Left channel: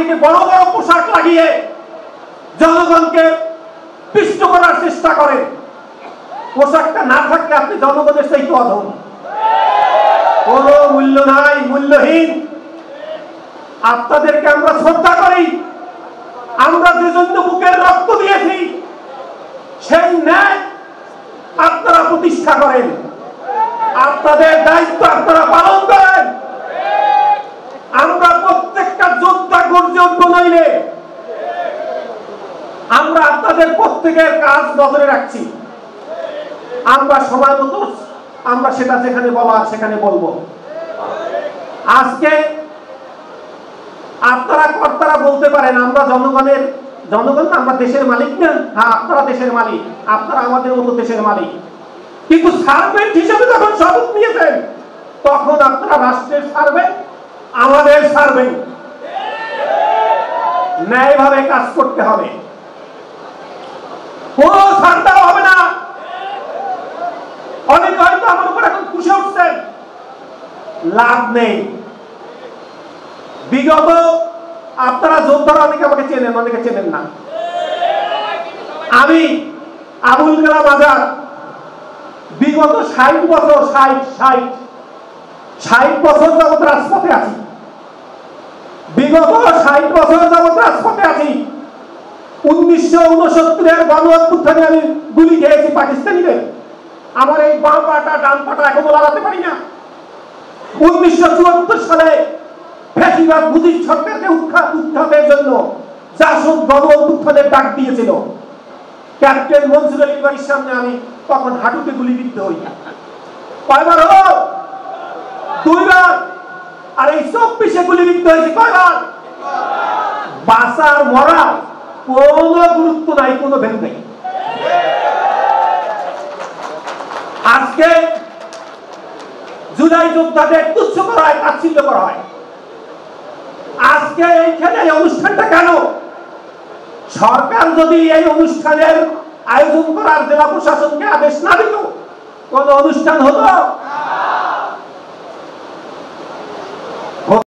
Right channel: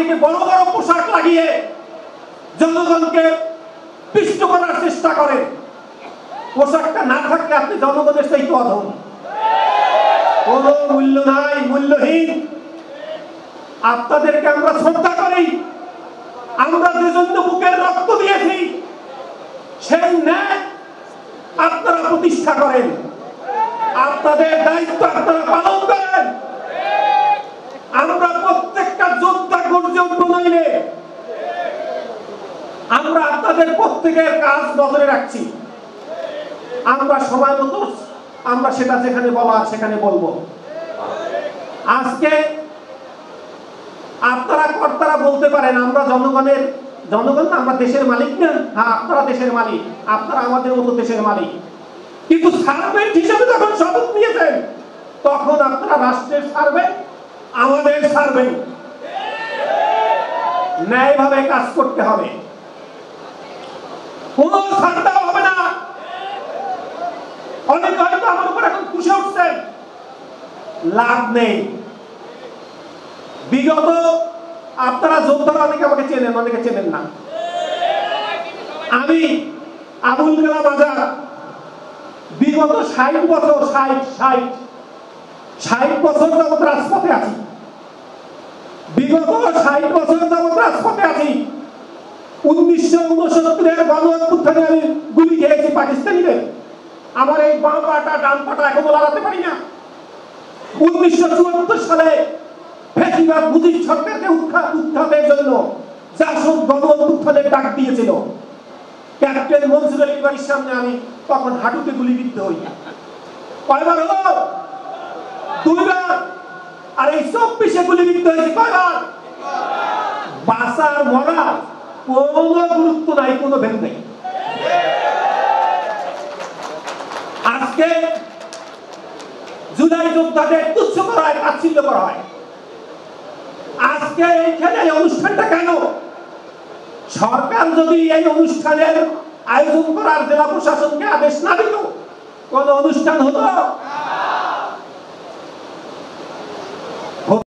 অনেকে বড় বড় পোশাক লাগিয়ে জনগণকে পিষ্ট করার চেষ্টা করেন। পোশাকটা না থাকলে আপনি জনগণের সেই তো অধম, কোন মূল্য নাই, মূল্যহীন। আপনাদেরকে আমরা শ্রদ্ধা করি। আমরা যে জন্য বুকের রক্ত দিয়েছি সেই ন্যায় আপনারা প্রতিষ্ঠা করেন, আপনাদের দায়িত্ব আপনারা পালন করেন। আমরা প্রত্যেকটা যোদ্ধা গর্জে উঠবো, নইলে আমরা আপনাদের প্রত্যেকের কাজ নজরে রাখছি। আমরা সময় মতো আমরা সেটা যেখানে বলার সেখানে বলবো। আজকে আপনারা কর্তারা বলতে পারেন আমরা জনগণ আমরা দেশের মালিক না। হ্যাঁ, আপনারা দেশের মালিক, আপনারা আমাদের মতো দেশের মালিক। কিন্তু সার্ভেন্ট হিসেবে যখন শপথ নিয়েছেন তখন আপনারা রাষ্ট্রের সার্ভেন্ট, আমাদের সার্ভেন্ট। ন্যায়ভাবে কাজ করতে হবে, কোন ছাড় দেওয়া হবে না। অনেকে হয়তো আমার উপর এখন খুশি উঠছেন, লাভ নেই। বিগত আপনারা যোদ্ধারা অনেকে আমাকে চেনেন, অনেকে চেনেন না। আমি আবুল কালাম আজাদ বিগত 60 বছর 60 বছর যাবত রাজপথে আছি। বিগত 60 বছর যাবত রাজপথে আছি। 1969-এর গণ অভ্যুত্থানে আমি গুলি খেয়েছি পাকিস্তানিদের। আমার এই বাম পাটা ডান পাটা এখনো লাগাতে পারি না। 1974 সালে ফ্যাসিবাদ মুজিব সরকারকে উৎখাতের জন্য জাসদ গণ অভ্যুত্থানের ডাক দিয়েছিল। ক্যাপ্টেন মনসুর আলী বাড়ির সামনে আমি তখন হাঁটুতে গুলিবিদ্ধ হই। কয়বার হলো? 2 বার। আর এই 24-এ গুলিবিদ্ধ হয়েছে কয়বার? বাঁচার মরা কোনো গুরুত্ব নাই, কোনো ভেদ নেই। আজকে জুলাই যোদ্ধাদের তুচ্ছ করা হয়, তাচ্ছিল্য করা হয়। আজকে এইখানে এই অনুষ্ঠানটা কেন? সরকার যদি এই অনুষ্ঠানের আয়োজন করার জেলা প্রশাসনকে আদেশ না দিত, কোন অনুষ্ঠান হতো?